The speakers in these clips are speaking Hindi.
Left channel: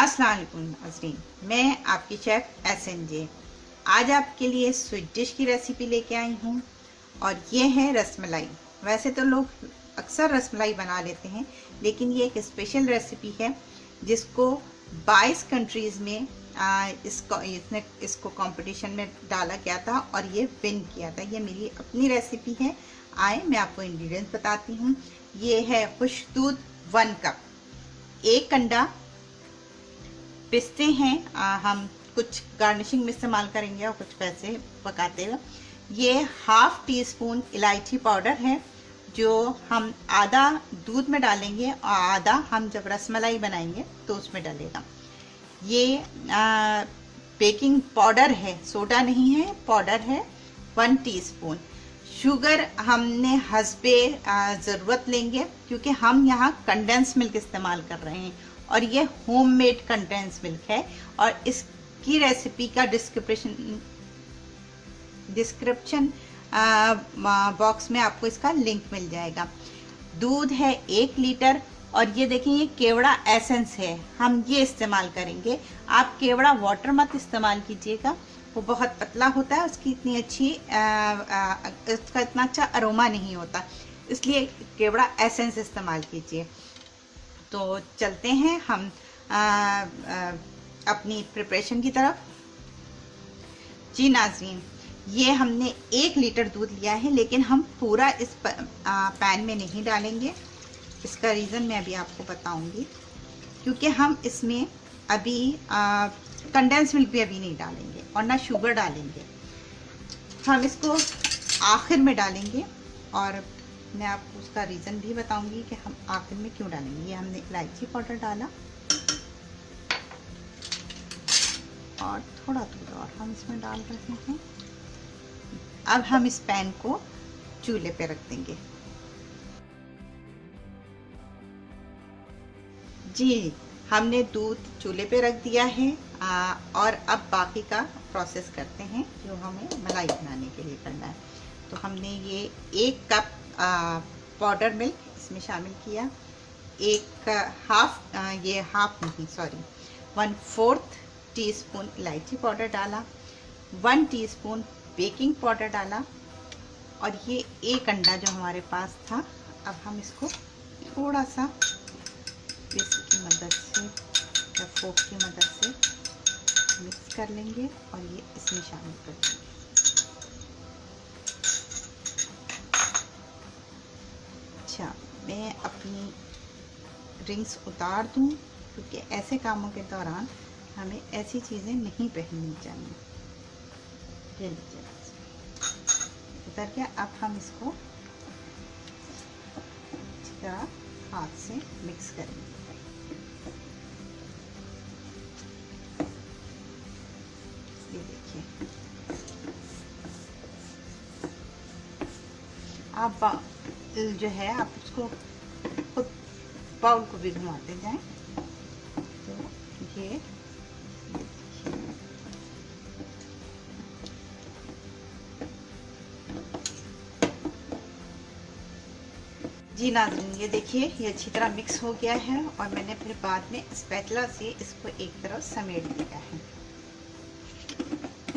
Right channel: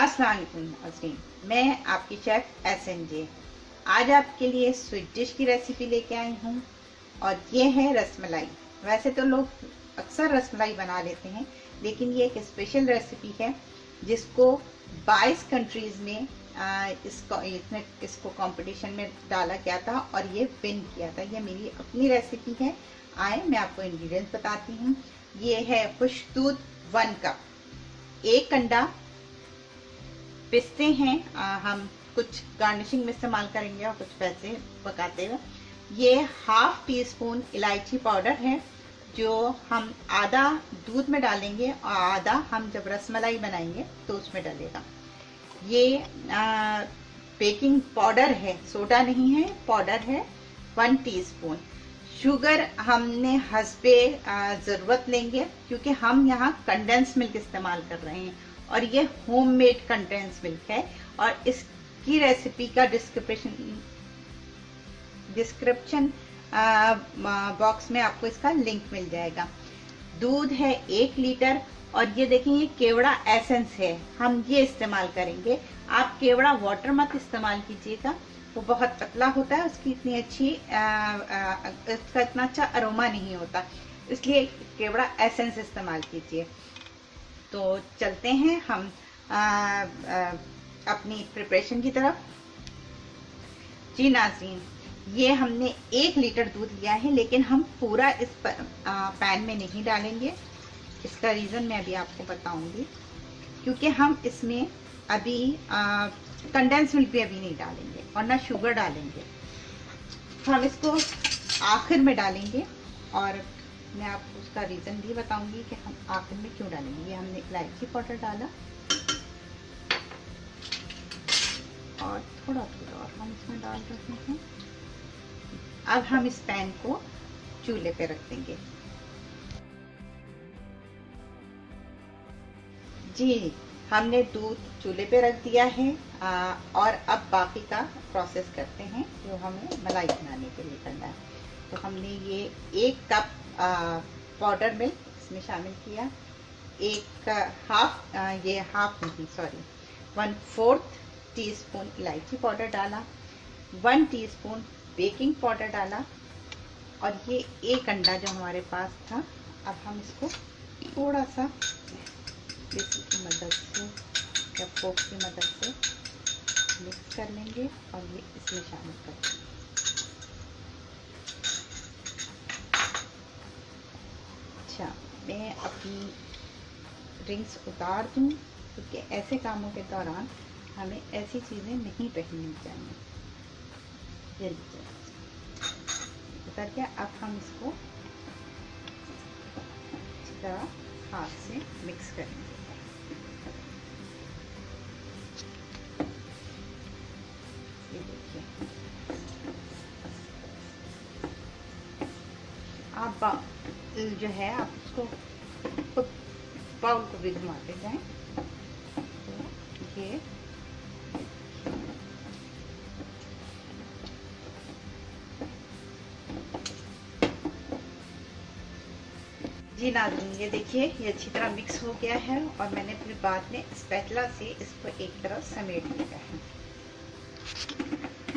अस्सलाम वालेकुम नाज़रीन, मैं आपकी शेफ़ SNJ। आज आपके लिए स्वीट डिश की रेसिपी लेके आई हूँ और ये है रसमलाई। वैसे तो लोग अक्सर रसमलाई बना लेते हैं, लेकिन ये एक स्पेशल रेसिपी है जिसको 22 कंट्रीज़ में इसको कंपटीशन में डाला गया था और ये विन किया था। ये मेरी अपनी रेसिपी है। आए मैं आपको इंग्रेडिएंट्स बताती हूँ। ये है खुश्क दूध 1 कप, 1 अंडा, पिस्ते हैं, हम कुछ गार्निशिंग में इस्तेमाल करेंगे और कुछ वैसे पकाते हुए। ये ½ टीस्पून इलायची पाउडर है जो हम आधा दूध में डालेंगे और आधा हम जब रसमलाई बनाएंगे तो उसमें डालेगा। ये बेकिंग पाउडर है, सोडा नहीं है, पाउडर है 1 टीस्पून। शुगर हमने हस्बे ज़रूरत लेंगे क्योंकि हम यहाँ कंडेंस मिल्क इस्तेमाल कर रहे हैं और ये होममेड कंडेंस मिल्क है और इसकी रेसिपी का डिस्क्रिप्शन बॉक्स में आपको इसका लिंक मिल जाएगा। दूध है 1 लीटर और ये देखिए ये केवड़ा एसेंस है, हम ये इस्तेमाल करेंगे। आप केवड़ा वाटर मत इस्तेमाल कीजिएगा, वो बहुत पतला होता है, उसकी इतनी अच्छी इसका इतना अच्छा अरोमा नहीं होता, इसलिए केवड़ा एसेंस इस्तेमाल कीजिए। तो चलते हैं हम अपनी प्रिपरेशन की तरफ। जी नाज़रीन, ये हमने 1 लीटर दूध लिया है, लेकिन हम पूरा इस पैन में नहीं डालेंगे। इसका रीज़न मैं अभी आपको बताऊंगी, क्योंकि हम इसमें अभी कंडेंस मिल्क भी अभी नहीं डालेंगे और ना शुगर डालेंगे। हम इसको आखिर में डालेंगे और मैं आपको उसका रीज़न भी बताऊंगी कि हम आखिर में क्यों डालेंगे। ये हमने इलायची पाउडर डाला और थोड़ा और हम इसमें डाल रहे हैं। अब हम इस पैन को चूल्हे पे रख देंगे। जी, हमने दूध चूल्हे पे रख दिया है और अब बाकी का प्रोसेस करते हैं जो हमें मलाई बनाने के लिए करना है। तो हमने ये 1 कप पाउडर मिल्क इसमें शामिल किया, 1/4 टीस्पून इलायची पाउडर डाला, 1 टीस्पून बेकिंग पाउडर डाला और ये 1 अंडा जो हमारे पास था। अब हम इसको थोड़ा सा विस्क की मदद से या फोक की मदद से मिक्स कर लेंगे और ये इसमें शामिल कर देंगे। अच्छा, मैं अपनी रिंग्स उतार दूँ क्योंकि ऐसे कामों के दौरान हमें ऐसी चीज़ें नहीं पहननी चाहिए। जल्दी उतर के अब हम इसको हाथ से मिक्स करेंगे। ये देखिए, आप जो है आप उसको खुद बाउल को भी घुमाते जाएं। तो ये जी नाज़रीन, ये देखिए ये अच्छी तरह मिक्स हो गया है और मैंने अपने बाद में स्पैचुला से इसको एक तरफ समेट दिया है।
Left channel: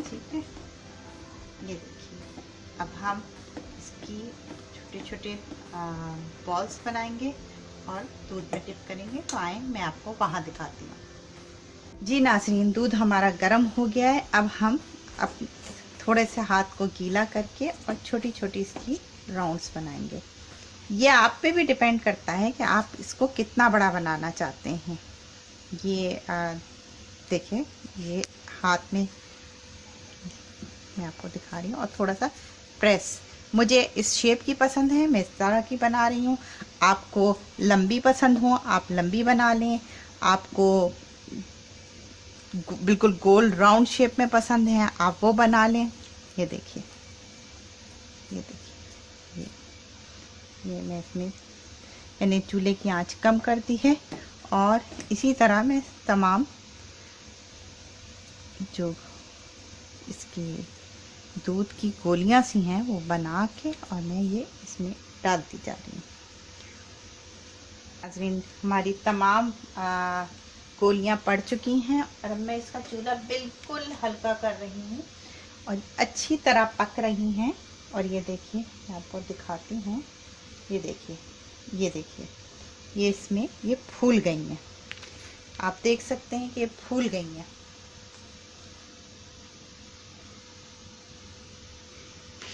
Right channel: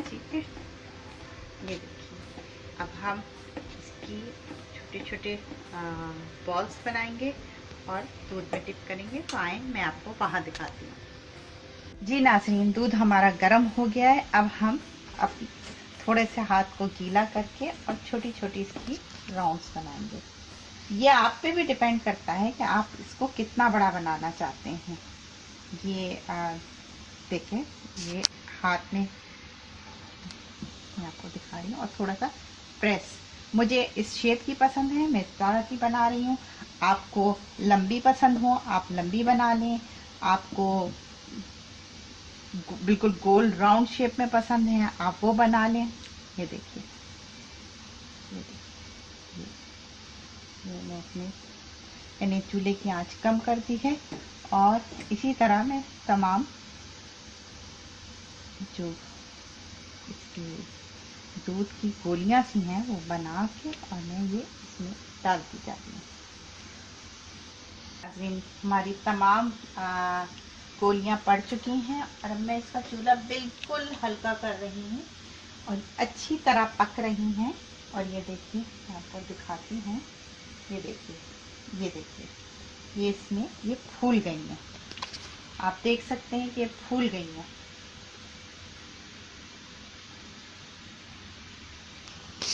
ठीक है, ये देखिए अब हम इसकी छोटे छोटे बॉल्स बनाएंगे और दूध में डिप करेंगे। तो आए मैं आपको वहाँ दिखाती हूँ। जी नाज़रीन, दूध हमारा गर्म हो गया है। अब हम थोड़े से हाथ को गीला करके और छोटी छोटी इसकी राउंड्स बनाएंगे। ये आप पे भी डिपेंड करता है कि आप इसको कितना बड़ा बनाना चाहते हैं। ये देखिए, ये हाथ में मैं आपको दिखा रही हूँ और थोड़ा सा प्रेस। मुझे इस शेप की पसंद है, मैं इस तरह की बना रही हूँ। आपको लंबी पसंद हो आप लंबी बना लें, आपको बिल्कुल गोल राउंड शेप में पसंद है आप वो बना लें। ये देखिए, ये देखिए, ये मैं इसमें मैंने चूल्हे की आंच कम कर दी है और इसी तरह मैं तमाम जो इसकी दूध की गोलियां सी हैं वो बना के और मैं ये इसमें डालती जा रही हूँ। नाज़रीन, हमारी तमाम गोलियां पड़ चुकी हैं और अब मैं इसका चूल्हा बिल्कुल हल्का कर रही हूँ और अच्छी तरह पक रही हैं। और ये देखिए, मैं आपको दिखाती हूँ। ये देखिए, ये देखिए, ये इसमें ये फूल गई हैं। आप देख सकते हैं कि ये फूल गई हैं।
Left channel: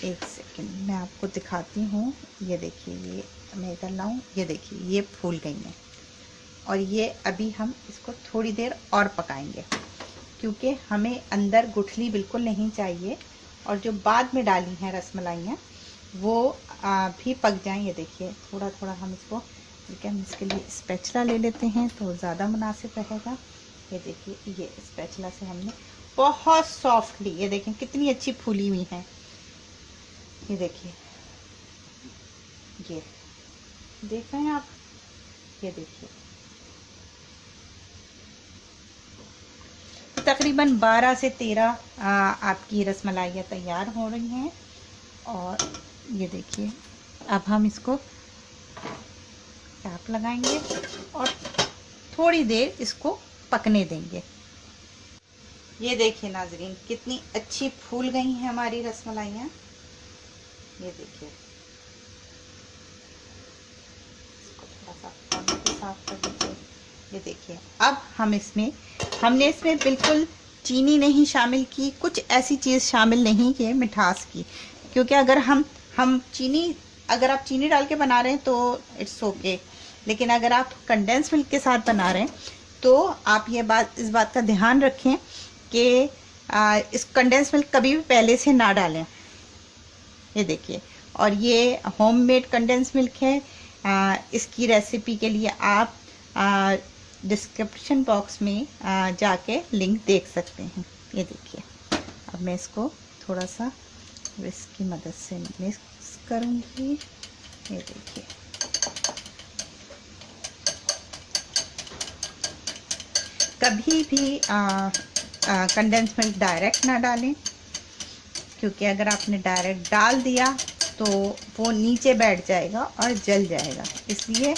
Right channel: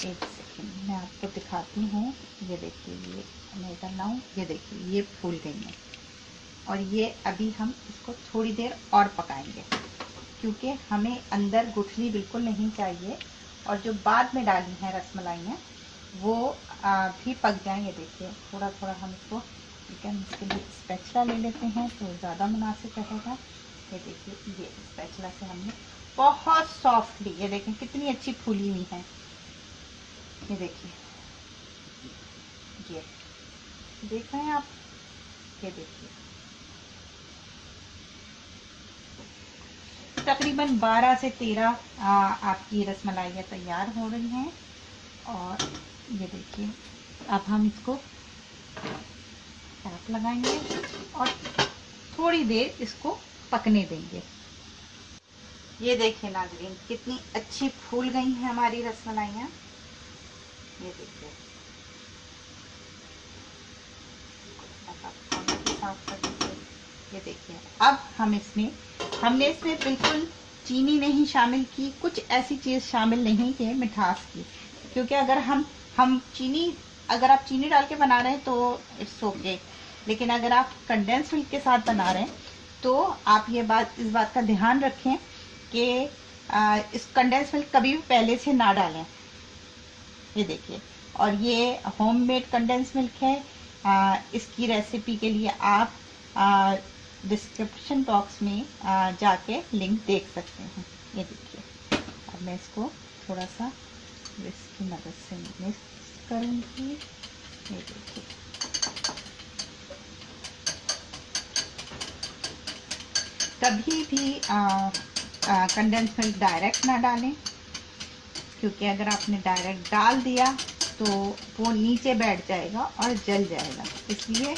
एक सेकंड मैं आपको दिखाती हूँ। ये देखिए, ये मैं इधर लाऊं, ये देखिए ये फूल गई हैं। और ये अभी हम इसको थोड़ी देर और पकाएंगे, क्योंकि हमें अंदर गुठली बिल्कुल नहीं चाहिए। और जो बाद में डाली हैं रसमलाइयाँ वो भी पक जाएं। ये देखिए, थोड़ा थोड़ा हम इसको, लेकिन इसके लिए स्पैचुला ले लेते हैं तो ज़्यादा मुनासिब रहेगा। ये देखिए, ये स्पैचुला से हमने बहुत सॉफ्टली, ये देखें कितनी अच्छी फूली हुई हैं। ये देखिए, ये देख रहे हैं आप, ये देखिए तकरीबन 12 से 13 आपकी रसमलाइयाँ तैयार हो रही हैं। और ये देखिए, अब हम इसको कैप लगाएंगे और थोड़ी देर इसको पकने देंगे। ये देखिए नाजरीन, कितनी अच्छी फूल गई हैं हमारी रसमलाइयाँ। ये देखिए, साफ कर दीजिए। ये देखिए, अब हमने इसमें बिल्कुल चीनी नहीं शामिल की, कुछ ऐसी चीज़ शामिल नहीं की मिठास की, क्योंकि अगर आप चीनी डाल के बना रहे हैं तो इट्स ओके, लेकिन अगर आप कंडेंस मिल्क के साथ बना रहे हैं तो आप इस बात का ध्यान रखें कि इस कंडेंस मिल्क कभी भी पहले से ना डालें। ये देखिए, और ये होममेड कंडेंस मिल्क है। इसकी रेसिपी के लिए आप डिस्क्रिप्शन बॉक्स में जाके लिंक देख सकते हैं। ये देखिए, अब मैं इसको थोड़ा सा विस्क की मदद से मिक्स करूँगी। ये देखिए, कभी भी कंडेंस मिल्क डायरेक्ट ना डालें, क्योंकि अगर आपने डायरेक्ट डाल दिया तो वो नीचे बैठ जाएगा और जल जाएगा। इसलिए,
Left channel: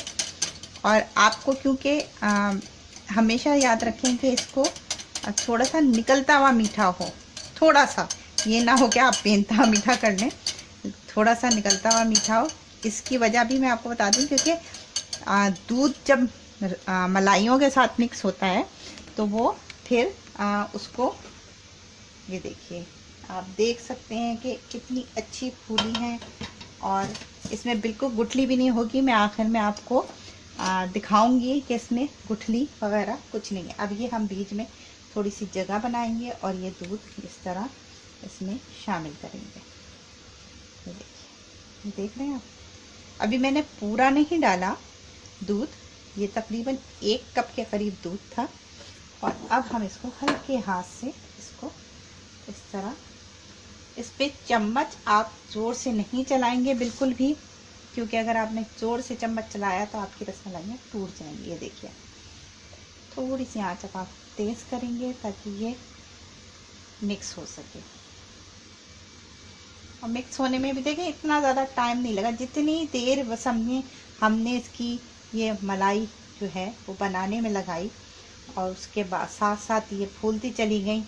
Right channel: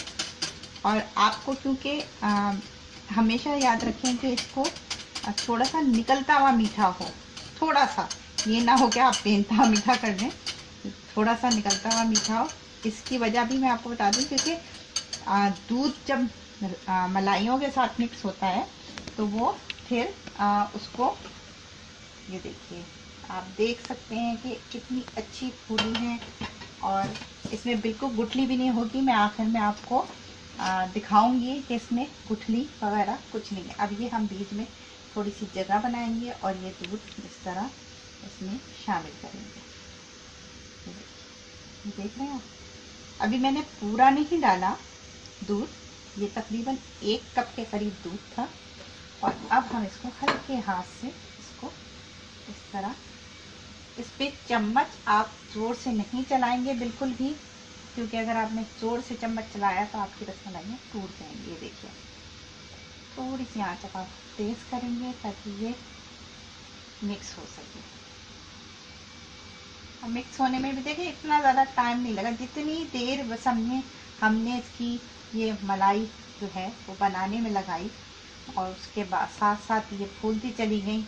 और आपको क्योंकि हमेशा याद रखें कि इसको थोड़ा सा निकलता हुआ मीठा हो, थोड़ा सा, ये ना हो कि आप बेनता मीठा कर लें, थोड़ा सा निकलता हुआ मीठा हो। इसकी वजह भी मैं आपको बता दूं, क्योंकि दूध जब मलाइयों के साथ मिक्स होता है तो वो फिर उसको, ये देखिए, आप देख सकते हैं कि कितनी अच्छी फूली हैं और इसमें बिल्कुल गुठली भी नहीं होगी। मैं आखिर में आपको दिखाऊंगी कि इसमें गुठली वगैरह कुछ नहीं है। अब ये हम बीच में थोड़ी सी जगह बनाएंगे और ये दूध इस तरह इसमें शामिल करेंगे। ये देखिए, ये देख रहे हैं आप, अभी मैंने पूरा नहीं डाला दूध, ये तकरीबन 1 कप के करीब दूध था। और अब हम इसको हल्के हाथ से इसको इस तरह, इस पे चम्मच आप जोर से नहीं चलाएंगे बिल्कुल भी, क्योंकि अगर आपने जोर से चम्मच चलाया तो आपकी रसमलाइयाँ टूट जाएंगी। ये देखिए, थोड़ी सी आंच आप तेज़ करेंगे ताकि ये मिक्स हो सके। और मिक्स होने में भी देखें इतना ज़्यादा टाइम नहीं लगा, जितनी देर बस हमने इसकी ये मलाई जो है वो बनाने में लगाई और उसके बाद साथ साथ ये फूलती चली गई।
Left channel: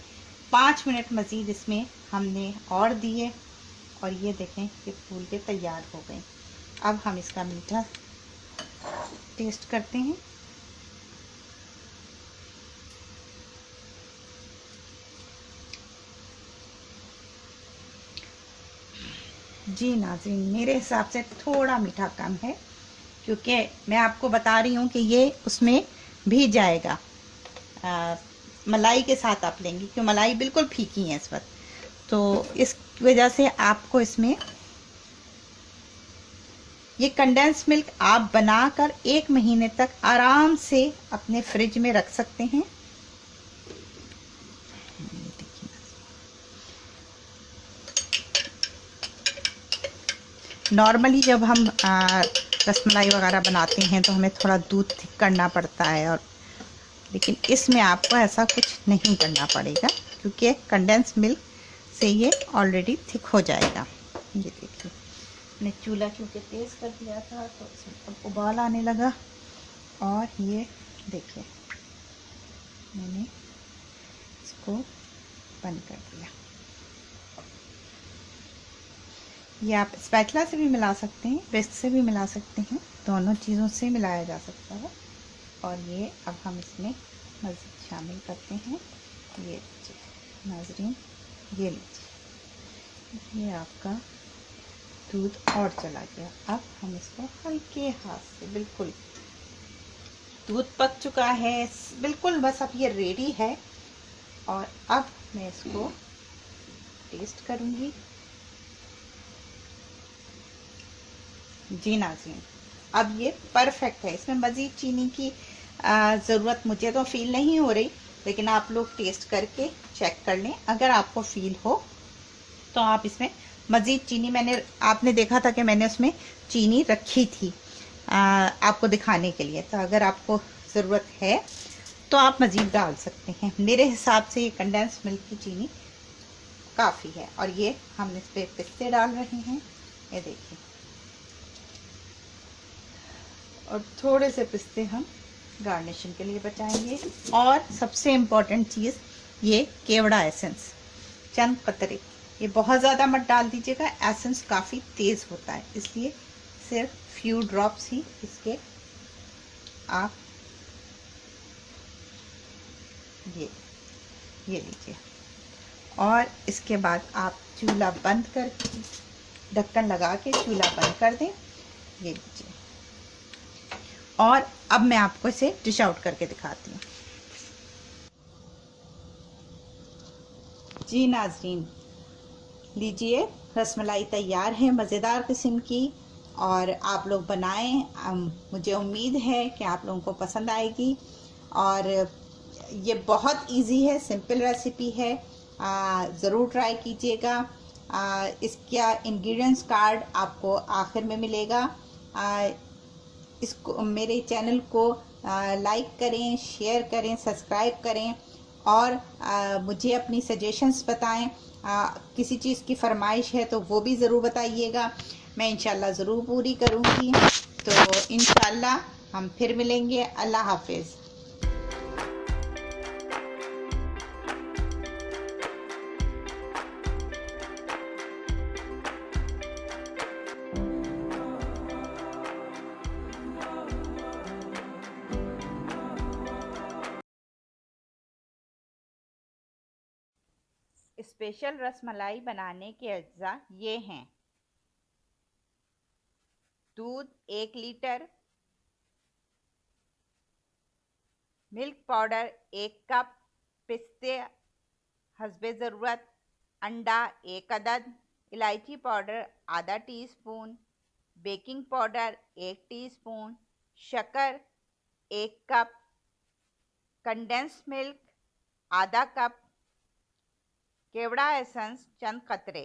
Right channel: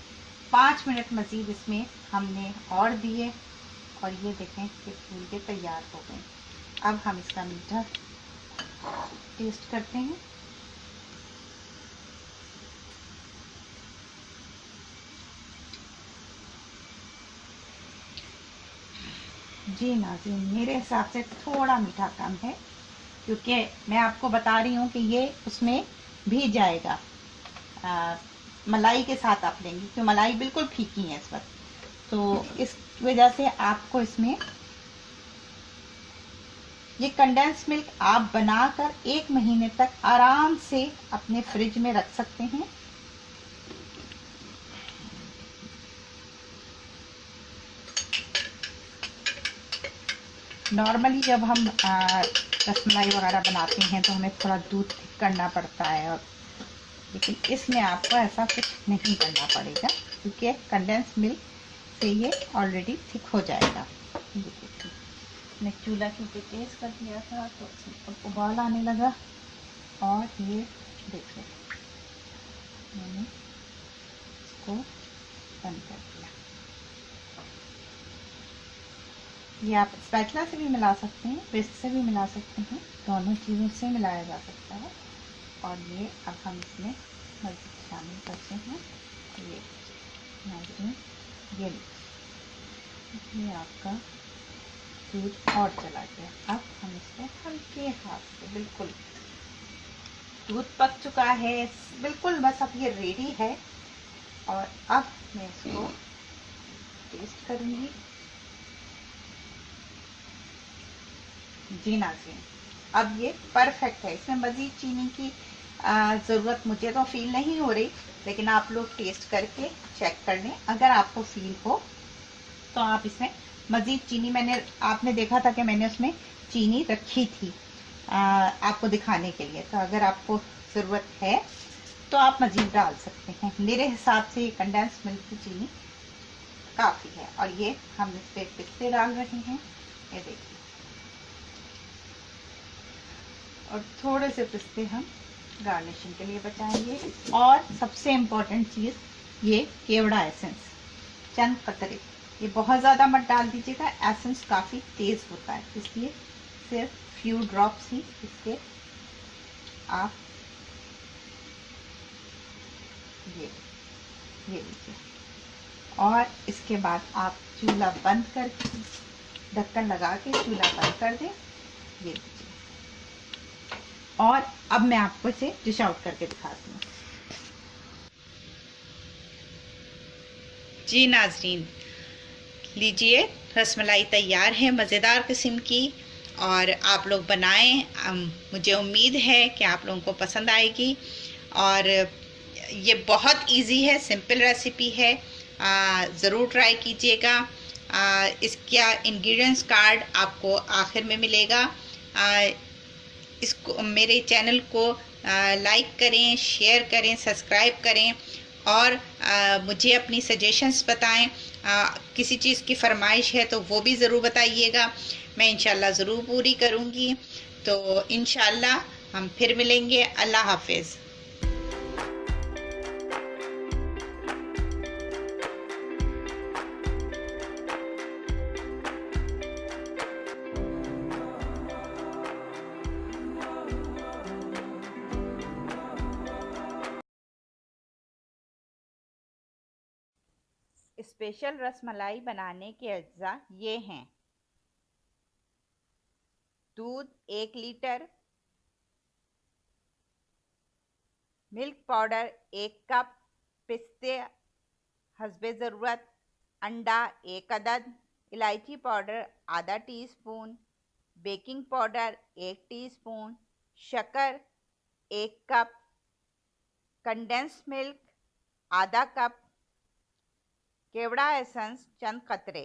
5 मिनट मज़ीद इसमें हमने और दिए और ये देखें कि फूल के तैयार हो गए। अब हम इसका मीठा टेस्ट करते हैं। जी नाज़रीन, मेरे हिसाब से थोड़ा मीठा कम है, क्योंकि मैं आपको बता रही हूँ कि ये उसमें भी जाएगा। मलाई के साथ आप लेंगे, क्योंकि मलाई बिल्कुल फीकी है इस वक्त, तो इस वजह से आपको इसमें ये कंडेंस मिल्क आप बनाकर 1 महीने तक आराम से अपने फ्रिज में रख सकते हैं। नॉर्मली जब हम रसमलाई वगैरह बनाते हैं तो हमें थोड़ा दूध थिक करना पड़ता है, और लेकिन इसमें आपको ऐसा कुछ नहीं करना पड़ेगा, क्योंकि कंडेंस मिल्क से ये ऑलरेडी थिक हो जाएगा। ये देखिए, मैंने चूल्हा क्योंकि तेज़ कर दिया था तो इसमें अब उबाल आने लगा। और ये देखिए, मैंने इसको बंद कर दिया। ये आप स्पैचुला से भी मिला सकते हैं, विस्क से भी मिला सकते हैं, दोनों चीज़ों से मिलाया जा सकता है। और ये अब हम इसमें मज़ीद शामिल करते हैं। ये लीजिए नाज़रीन, ये लीजिए, ये आपका दूध और चला गया। अब हम इसको हल्के हाथ से, बिल्कुल दूध पक चुका है बिल्कुल, बस अब ये रेडी है। और अब मैं इसको टेस्ट करूँगी। जी नाज़रीन, अब ये परफेक्ट है। इसमें मज़ीद चीनी की ज़रूरत मुझे तो फील नहीं हो रही, लेकिन आप लोग टेस्ट करके चेक कर लें। अगर आपको फील हो तो आप इसमें मज़ीद चीनी, आपने देखा था कि मैंने उसमें चीनी रखी थी आपको दिखाने के लिए, तो अगर आपको ज़रूरत है तो आप मज़ीद डाल सकते हैं। मेरे हिसाब से ये कंडेंस मिल्क की चीनी काफ़ी है। और ये हम इस पर पिस्ते डाल रहे हैं, ये देखिए, और थोड़े से पिस्ते हम गार्निशिंग के लिए बचाएंगे। और सबसे इम्पोर्टेंट चीज़, ये केवड़ा एसेंस, चंद कतरे, ये बहुत ज़्यादा मत डाल दीजिएगा, एसेंस काफ़ी तेज़ होता है, इसलिए सिर्फ फ्यू ड्रॉप्स ही इसके आप ये लीजिए। और इसके बाद आप चूल्हा बंद कर, ढक्कन लगा के चूल्हा बंद कर दें। ये लीजिए, और अब मैं आपको इसे डिश आउट करके दिखाती हूँ। जी नाज़रीन, लीजिए, रसमलाई तैयार है मज़ेदार किस्म की, और आप लोग बनाएं। मुझे उम्मीद है कि आप लोगों को पसंद आएगी। और ये बहुत इजी है, सिंपल रेसिपी है, ज़रूर ट्राई कीजिएगा। इसका इंग्रेडिएंट्स कार्ड आपको आखिर में मिलेगा। इसको, मेरे चैनल को लाइक करें, शेयर करें, सब्सक्राइब करें, और मुझे अपनी सजेशंस बताएं। किसी चीज़ की फरमाइश है तो वो भी ज़रूर बताइएगा, मैं इंशाल्लाह ज़रूर पूरी करूँगी। तो इंशाल्लाह हम फिर मिलेंगे। अल्लाह हाफिज़। स्पेशल रसमलाई बनाने के अज्जा ये हैं: दूध 1 लीटर, मिल्क पाउडर 1 कप, पिस्ते हस्बे ज़रूरत, अंडा 1 अदद, इलायची पाउडर आधा टीस्पून, बेकिंग पाउडर 1 टीस्पून, शक्कर 1 कप, कंडेंस मिल्क आधा कप, केवड़ा एसेंस चंद कतरे।